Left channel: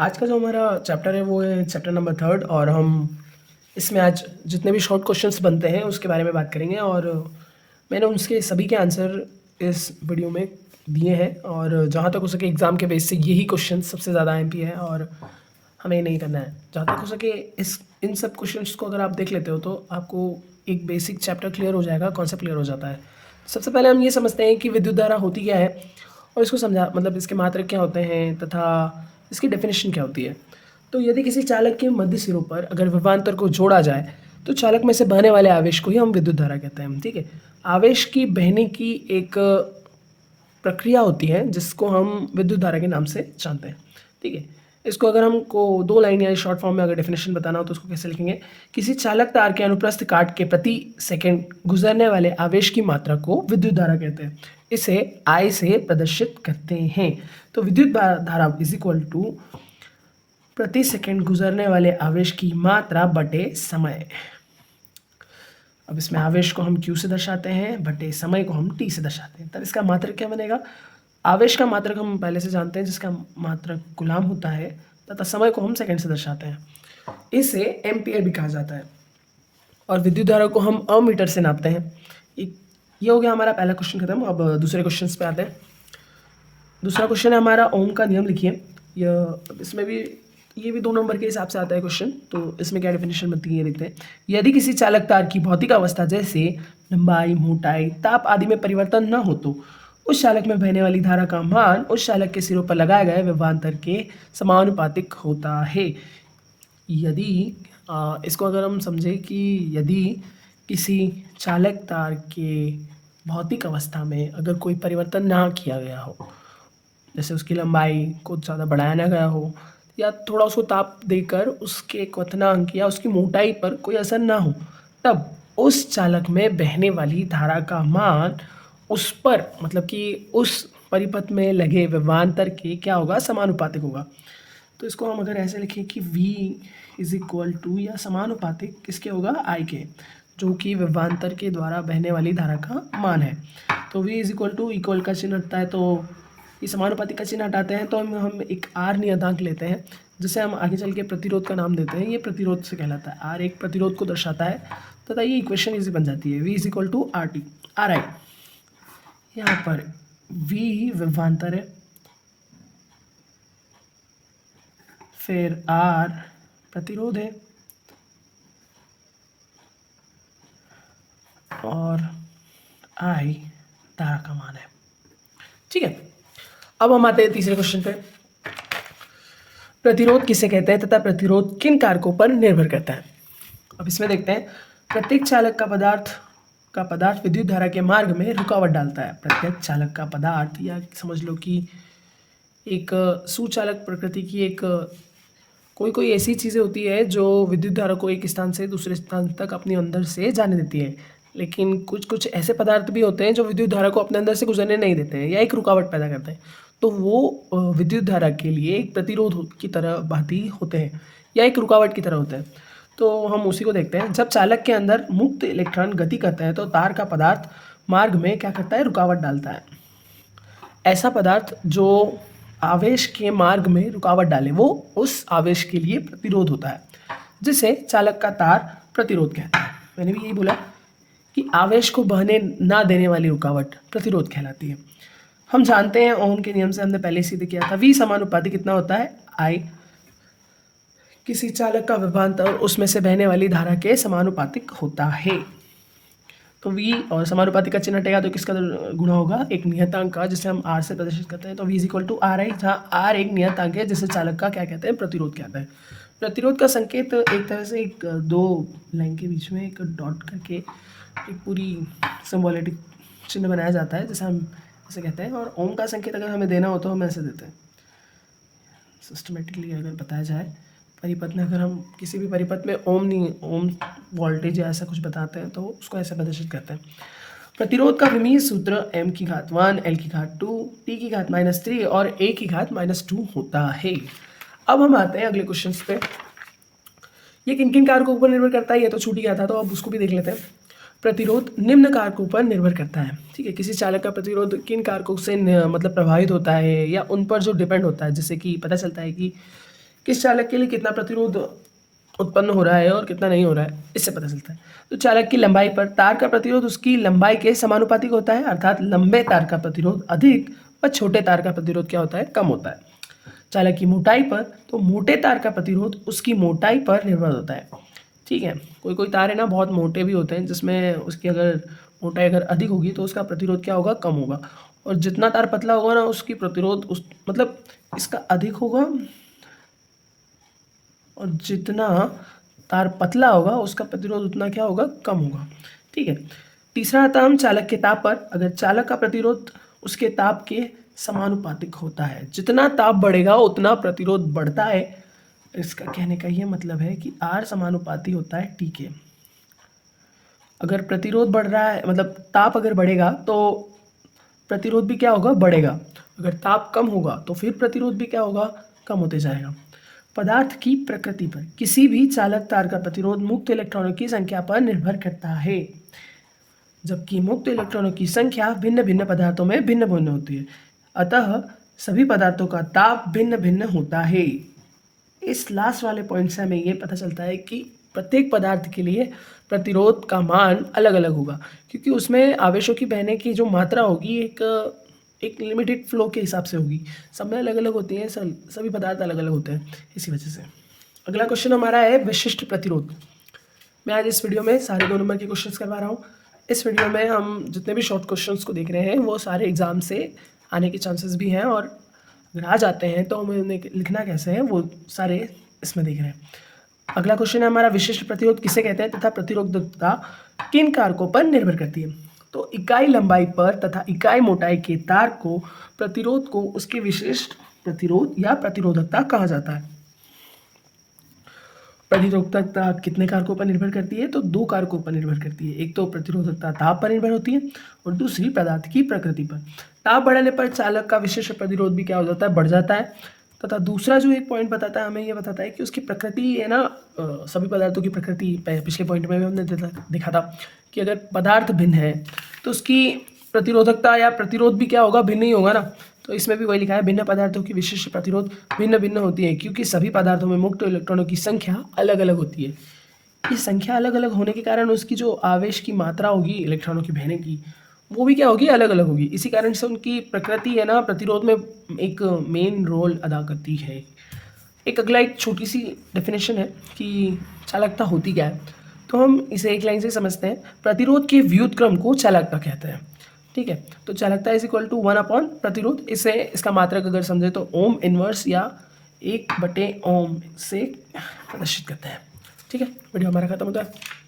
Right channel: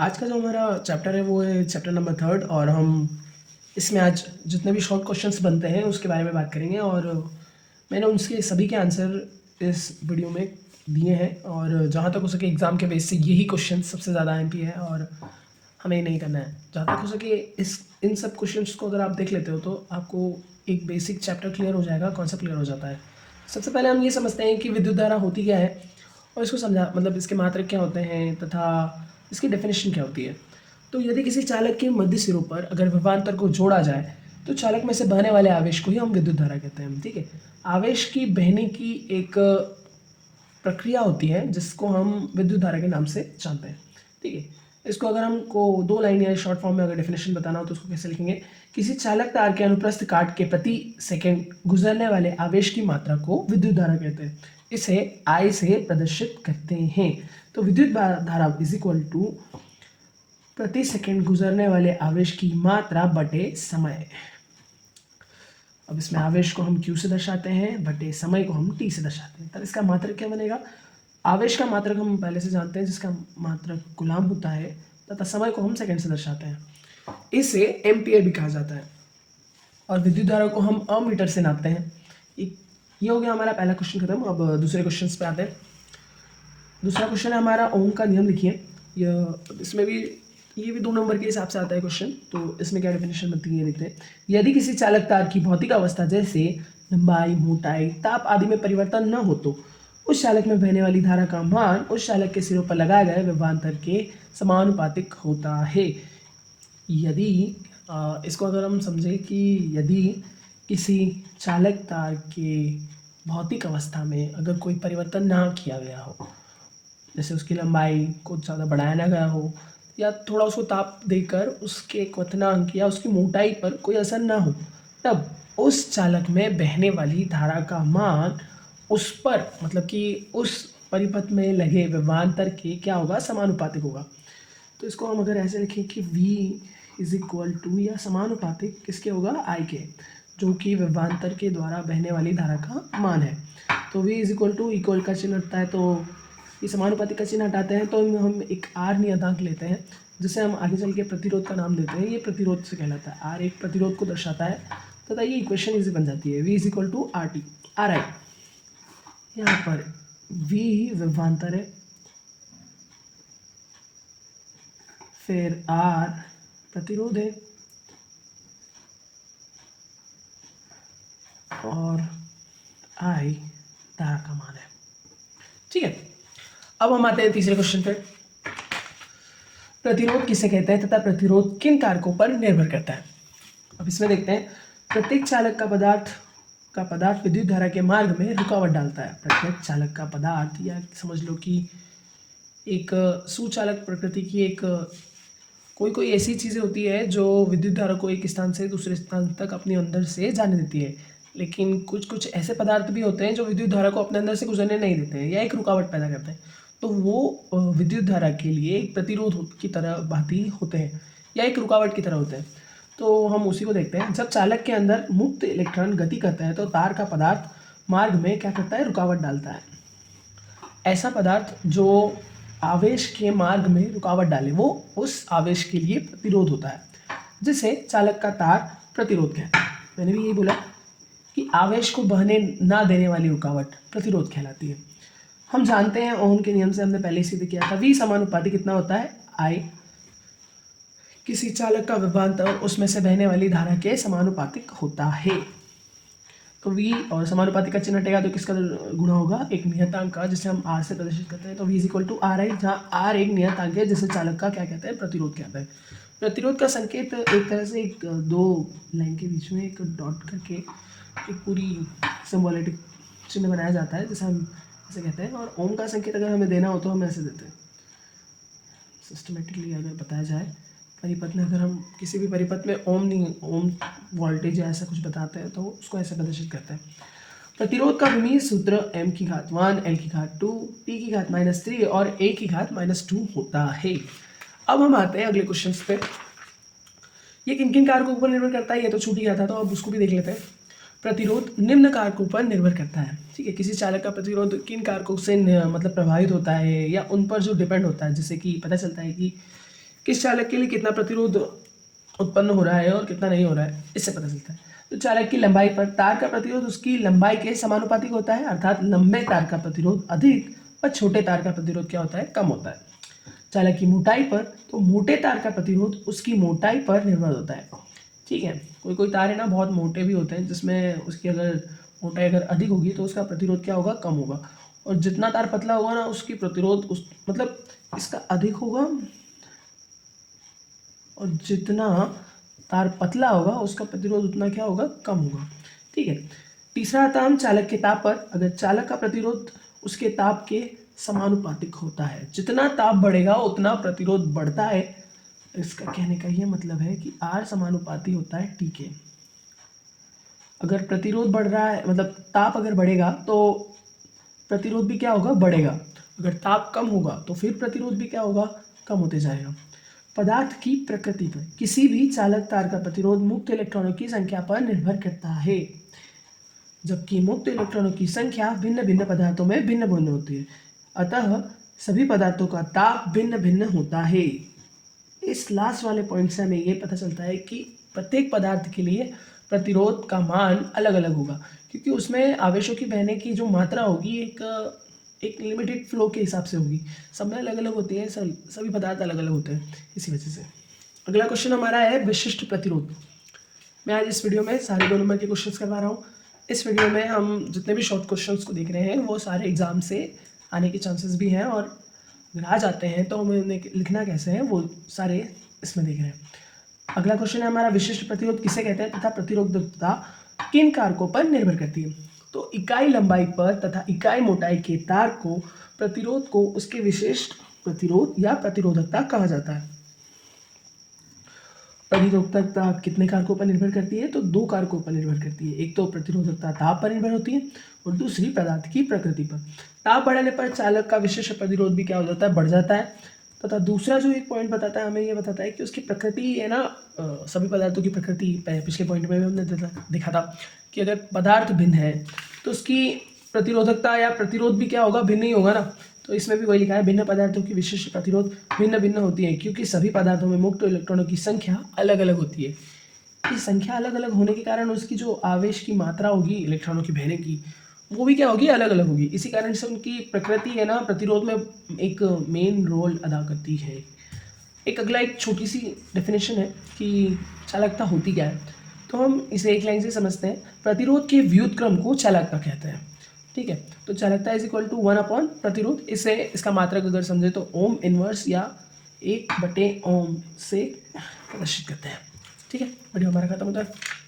आज का जो हमारा चैप्टर है वो है चैप्टर नंबर 3 और हम इसमें आज जितने भी शॉर्ट क्वेश्चंस बनते हैं उसके बारे में बात करेंगे। और मैंने उसके सभी के आंसर इस वीडियो में दिए हैं और जहाँ तक हो सके एग्ज़ाम के बेस से यही क्वेश्चन सबसे ज़्यादा एमपी है और हमें नहीं करना है। जहाँ तक हो सके इन सब क्वेश्चंस को अगर आप देख लेते हो तो आपको एक बेसिक चैप्टर क्लियर हो जाएगा, कॉन्सेप्ट क्लियर हो जाता है। सबसे पहले हम ये समझते हैं कि विद्युत धारा होती क्या है और इसको समझा मतलब इसके मात्रक क्या होते हैं तथा इसकी डेफिनेशन क्या होती है। तो यदि किसी चालक के मध्य सिरों पर अगर विभवांतर को जोड़ा जाए तो चालक में से बहने वाले आवेश को ही हम विद्युत धारा कहते हैं। ठीक है, आवेश की बहने की एक प्रक्रिया होती है जिसको हम विद्युत धारा के नाम से जानते हैं। ठीक है, इसको अगर हमको 2 लाइन या शॉर्ट फॉर्म में अगर डेफिनेशन बताना हो तो उसको कैसे लिखेंगे? किसी चालक तार के अनुप्रस्थ काट के प्रति सेकंड गुजरने वाले आवेश की मात्रा को विद्युत धारा कहते हैं। इसे I से प्रदर्शित करते हैं। तो विद्युत धारा इज इक्वल टू प्रति सेकंड गुजरने वाले आवेश की मात्रा बटे समय। अब इसमें आवेश को हम Q से दर्शाते हैं बटे समय को हम T से दर्शाते हैं। तब इसका मात्रक क्या बनेगा? आवेश का मात्रक हम पहले से जानते हैं जिसका मात्रक कूलाम होता है तथा समय को हम सेकंड से दर्शाते हैं। इसे एम्पियर भी कहा जाता है और विद्युत धारा को हम अमीटर से नापते हैं। ये हो गया हमारा पहला क्वेश्चन खत्म। अब दूसरे क्वेश्चन पे आते हैं। दूसरा क्वेश्चन है हमारा ओम का नियम लिखिए। इसमें भी ये भी 2 नंबर के हिसाब से आता है क्वेश्चन। तो इसमें क्या डेफिनेशन बनती है लिखते हैं। यदि किसी चालक तार की भौतिक अवस्था जैसे लंबाई, मोटाई, ताप आदि में परिवर्तन न हो तो उस चालक में बहने वाली धारा का मान उस चालक के सिरों पर लगाए गए विभवांतर के समानुपातिक होता है। यदि इसको अगर हम समझें कि यदि किसी चालक तार के भौतिक अवस्था में अगर कोई परिवर्तन ना किया गया हो, जैसे उसकी लंबाई को ज़्यादा बढ़ाया ना गया हो या थोड़ा उसको ताप देकर उसके क्वथनांक या उसकी मोटाई पर कोई असर ना हो, तब उस चालक में बहने वाली धारा का मान उस पर मतलब कि उस परिपथ में लगे विभवांतर के क्या होगा? समानुपातिक होगा। तो इसको हम अगर ऐसे लिखें कि V इज इक्वल टू या समानुपातिक किसके होगा? I के, जो कि विभवांतर के द्वारा बहने वाली धारा का मान है। तो V is equal to equal का चिन्ह हटता है तो ये समानुपातिक का चिन्ह हटाते हैं तो हम एक R नियतांक लेते हैं जिसे हम आगे चल के प्रतिरोध का नाम देते हैं। ये प्रतिरोध से कहलाता है। R एक प्रतिरोध को दर्शाता है तथा ये इक्वेशन इजी बन जाती है। V is equal to RT RI। यहाँ पर V विभवांतर है, फिर R प्रतिरोध है और I धारा का मान है। ठीक है, अब हम आते हैं तीसरे क्वेश्चन पर। प्रतिरोध किसे कहते हैं तथा प्रतिरोध किन कारकों पर निर्भर करता है? अब इसमें देखते हैं। प्रत्येक चालक का पदार्थ विद्युत धारा के मार्ग में रुकावट डालता है। प्रत्येक चालक का पदार्थ या समझ लो कि एक सुचालक प्रकृति की एक कोई ऐसी चीज़ें होती है जो विद्युत धारा को एक स्थान से दूसरे स्थान तक अपने अंदर से जाने देती है, लेकिन कुछ ऐसे पदार्थ भी होते हैं जो विद्युत धारा को अपने अंदर से गुजरने नहीं देते हैं या एक रुकावट पैदा करते हैं। तो वो विद्युत धारा के लिए एक प्रतिरोध की तरह भांति होते हैं या एक रुकावट की तरह होते हैं। तो हम उसी को देखते हैं। जब चालक के अंदर मुक्त इलेक्ट्रॉन गति करते हैं तो तार का पदार्थ मार्ग में क्या करता है? रुकावट डालता है। ऐसा पदार्थ जो आवेश के मार्ग में रुकावट डाले वो उस आवेश के लिए प्रतिरोध होता है, जिसे चालक का तार प्रतिरोध कहता है। मैंने भी यही बोला कि आवेश को बहने ना देने वाली रुकावट प्रतिरोध कहलाती है। हम जानते हैं ओम के नियम से, हमने पहले सीधे किया था। V समानुपातिक कितना होता है? I। किसी चालक का विभवांतर उसमें से बहने वाली धारा के समानुपातिक होता है। तो V और समानुपातिक का चिन्ह हटेगा तो किसका गुणा होगा? एक नियतांक का, जिसे हम R से प्रदर्शित करते हैं। तो V is equal to RI, जहाँ R एक नियतांक है जिसे चालक का क्या कहते हैं? प्रतिरोध कहते हैं। प्रतिरोध का संकेत एक तरह से एक 2 लाइन के बीच में एक डॉट करके एक पूरी सिंबॉलिक चिन्ह बनाया जाता है जिसे हम ऐसे कहते हैं। और ओम का संकेत अगर हमें देना हो तो हम ऐसे देते हैं। सिस्टमेटिकली अगर बताया जाए परिपथ में, अगर हम किसी भी परिपथ में ओम वोल्टेज या ऐसा कुछ बताते हैं तो उसको ऐसे प्रदर्शित करते हैं। प्रतिरोध का विमीय सूत्र m की घात 1 l की घात 2 t की घात -3 और a की घात -2 होता है। अब हम आते हैं अगले क्वेश्चन पे। ये किन किन कारकों पर निर्भर करता है? ये तो छूट ही गया था, तो अब उसको भी देख लेते हैं। प्रतिरोध निम्न कारकों पर निर्भर करता है। ठीक है, किसी चालक का प्रतिरोध किन कारकों से मतलब प्रभावित होता है या उन पर जो डिपेंड होता है, जैसे कि पता चलता है कि किस चालक के लिए कितना प्रतिरोध उत्पन्न हो रहा है और कितना नहीं हो रहा है, इससे पता चलता है। तो चालक की लंबाई पर तार का प्रतिरोध उसकी लंबाई के समानुपातिक होता है, अर्थात लंबे तार का प्रतिरोध अधिक और छोटे तार का प्रतिरोध क्या होता है, कम होता है। चालक की मोटाई पर, तो मोटे तार का प्रतिरोध उसकी मोटाई पर निर्भर होता है। ठीक है, कोई कोई तार है ना बहुत मोटे भी होते हैं, जिसमें उसकी अगर मोटाई अगर अधिक होगी तो उसका प्रतिरोध क्या होगा, कम होगा। और जितना तार पतला होगा ना उसकी प्रतिरोध उस मतलब इसका अधिक होगा, और जितना तार पतला होगा उसका प्रतिरोध उतना क्या होगा, कम होगा। ठीक है, तीसरा आता है हम चालक के ताप पर। अगर चालक का प्रतिरोध उसके ताप के समानुपातिक होता है, जितना ताप बढ़ेगा उतना प्रतिरोध बढ़ता है। इसका कहने का ये मतलब है कि R समानुपाती होता है T के। अगर प्रतिरोध बढ़ रहा है, मतलब ताप अगर बढ़ेगा तो प्रतिरोध भी क्या होगा, बढ़ेगा। अगर ताप कम होगा तो फिर प्रतिरोध भी क्या होगा, कम होते जाएगा। पदार्थ की प्रकृति पर, किसी भी चालक तार का प्रतिरोध मुक्त इलेक्ट्रॉनों की संख्या पर निर्भर करता है, जबकि मुक्त इलेक्ट्रॉनों की संख्या भिन्न भिन्न पदार्थों में भिन्न भिन्न होती है। अतः सभी पदार्थों का ताप भिन्न भिन्न होता है। इस लास्ट वाले पॉइंट से हमें ये पता चलता है कि प्रत्येक पदार्थ के लिए प्रतिरोध का मान अलग अलग होगा, क्योंकि उसमें आवेशों की बहने की जो मात्रा होगी एक लिमिटेड फ्लो के हिसाब से होगी। सब में अलग अलग होती है, सभी पदार्थ अलग अलग होते हैं, इसी वजह से। अगला क्वेश्चन हमारा है विशिष्ट प्रतिरोध। मैं आज इस वीडियो में सारे 2 नंबर के क्वेश्चंस करवा रहा हूँ। इस वीडियो में हम जितने भी शॉर्ट क्वेश्चंस को देख रहे हैं वो सारे एग्जाम से आने के चांसेस भी हैं, और अगर आ जाते हैं तो हमें उन्हें लिखना कैसे है वो सारे इसमें देख रहे हैं। अगला क्वेश्चन है हमारा, विशिष्ट प्रतिरोध किसे कहते हैं तथा प्रतिरोधकता किन कारकों पर निर्भर करती है। तो इकाई लंबाई पर तथा इकाई मोटाई के तार को प्रतिरोध को उसके विशिष्ट प्रतिरोध या प्रतिरोधकता कहा जाता है। प्रतिरोधकता कितने कारकों पर निर्भर करती है, तो 2 कारकों पर निर्भर करती है। एक तो प्रतिरोधकता ताप पर निर्भर होती है और दूसरी पदार्थ की प्रकृति पर। ताप बढ़ाने पर चालक का विशिष्ट प्रतिरोध भी क्या हो जाता है, बढ़ जाता है। तथा दूसरा जो एक पॉइंट बताता है हमें, ये बताता है कि उसकी प्रकृति है ना, सभी पदार्थों की प्रकृति पिछले पॉइंट में भी हमने देखा था कि अगर पदार्थ भिन्न है तो उसकी प्रतिरोधकता या प्रतिरोध भी क्या होगा, भिन्न ही होगा ना। तो इसमें भी वही लिखा है, भिन्न पदार्थों की विशिष्ट प्रतिरोध भिन्न भिन्न होती है, क्योंकि सभी पदार्थों में मुक्त इलेक्ट्रॉनों की संख्या अलग अलग होती है। ये संख्या अलग अलग होने के कारण उसकी जो आवेश की मात्रा होगी इलेक्ट्रॉनों की बहने की, वो भी क्या होगी, अलग अलग होगी। इसी कारण से उनकी प्रकृति है ना प्रतिरोध में एक मेन रोल अदा करती है। एक अगला एक छोटी सी डेफिनेशन है कि चालकता होती क्या है, तो हम इसे एक लाइन से समझते हैं। प्रतिरोध के व्युत्क्रम को चालकता कहते हैं। ठीक है, तो चालकता इज इक्वल टू 1 प्रतिरोध। इसे इसका मात्रक अगर समझे तो ओम इनवर्स या 1/ओम से प्रदर्शित करते हैं। ठीक है, वीडियो हमारा खत्म होता है।